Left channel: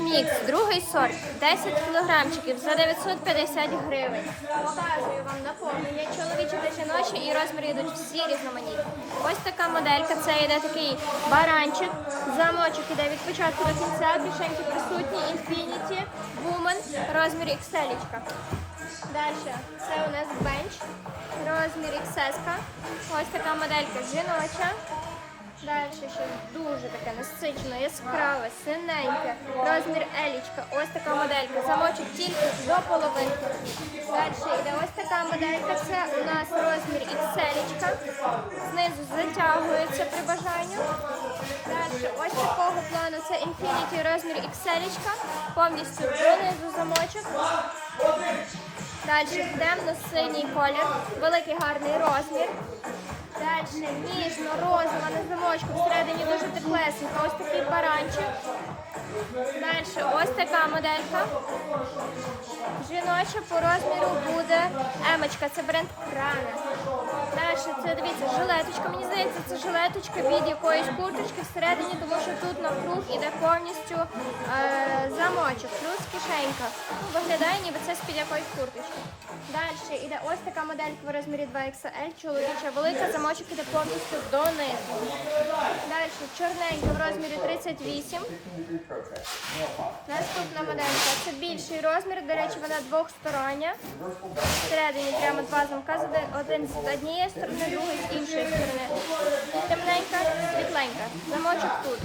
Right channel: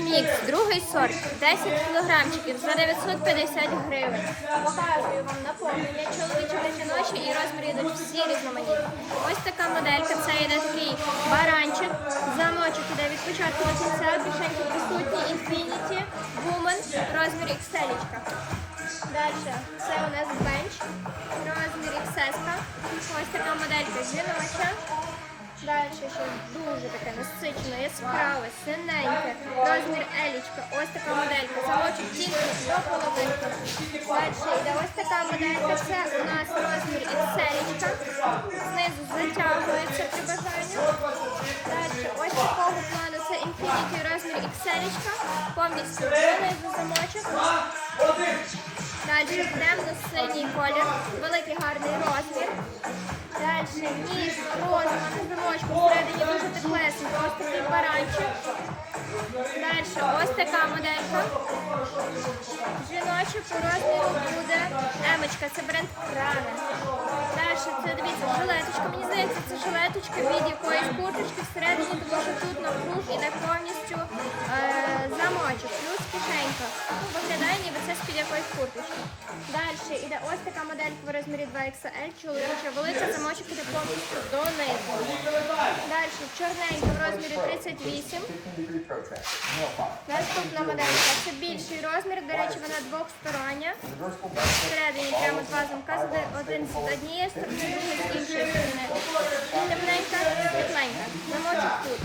Мікс, другий сорт, 10 кілограмчиків за 950 гривень. Показую вам наповнення чоловічі та жіночі і розміри йдуть всі різноманітні. Ось така моделька, це йде такий баранчик, замочок іде від початку до кінця, кишеньки присутні, Infinity, Woman, розмір XL. Далі це у нас бенч, розмір XS. Ось така моделька жіноча. Далі ще дуже таке насичене, яскраве, синеньке, розмір елічка, ось така моделька, замочок тільки до половинки. Далі йде ось така моделька, це у нас розмір селічка, знизу затягується при бажанні. Далі ось такого плану це Infinity розмір XL, повністю донизу замочок. Далі темно-синій колір, великий гарний розмір. Далі ніжно, розова, на замочку, всередині дуже теплесенько, ось такий баранчик. Далі ось така моделька. Жіноча по розміру буде емочка, це бренд Крана. Далі це дивіться, жилеточка. Мені здається, це жилеточка від якоїсь курточки всередині, тому що тут навкруг іде повністю е, замочок, плюс кишенька. Ну, виглядає, ніби це з-під якоїсь курточки. Далі іде ось така моделька в розмірі 2XL, чоловіча велика, замочок іде повністю донизу. Далі чорненька в розмірі 38. Наступна моделька це більший розмір, до речі, вона двохстороння. Всередині прямо два замка, один з однієї сторони, другий з іншої сторони. Темненька, світленька. Замочок тут.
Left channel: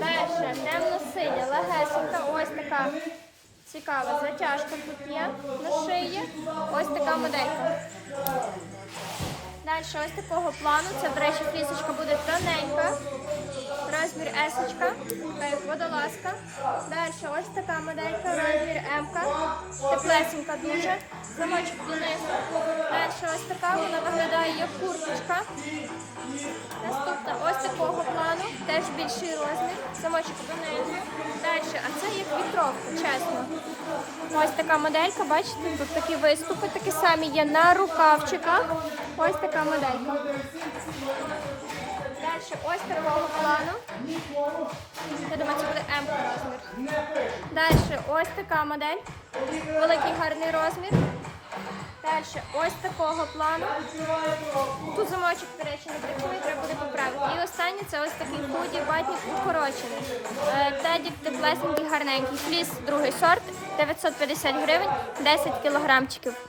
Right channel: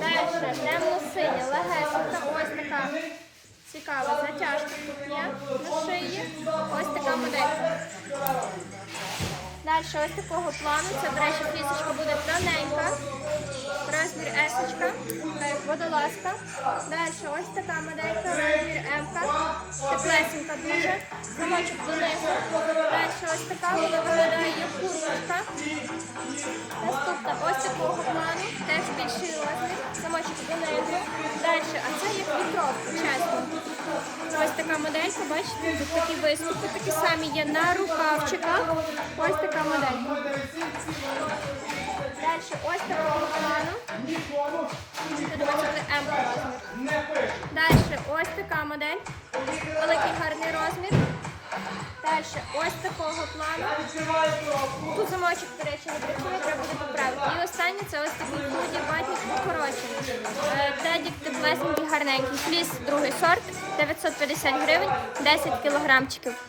Далі темно-синя, легесенька, ось така цікава затяжка тут є на шиї. Ось така моделька. Далі ось такого плану. Це, до речі, флісочка буде тоненька. Розмір есочка, така як водолазка. Далі ось така моделька, розмір М. Теплесенька дуже. Замочок донизу. Далі ось така, вона виглядає як курточка. Наступна ось такого плану, теж більший розмір. Замочок донизу. Далі, а це як вітровка, чесно. Ось така моделька, бачите, тут такі виступи, такі самі є на рукавчиках. Ось така моделька. Далі ось такого плану. Я думаю, це буде М розмір. Далі ось така модель. Великий гарний розмір. Далі ось такого плану. Тут замочок, до речі, не працює, треба буде поправити. І останнє це ось такий худі, батік укорочений. Теді теплесенький, гарненький. Фліс другий сорт, 950 гривень, 10 кілограмчиків.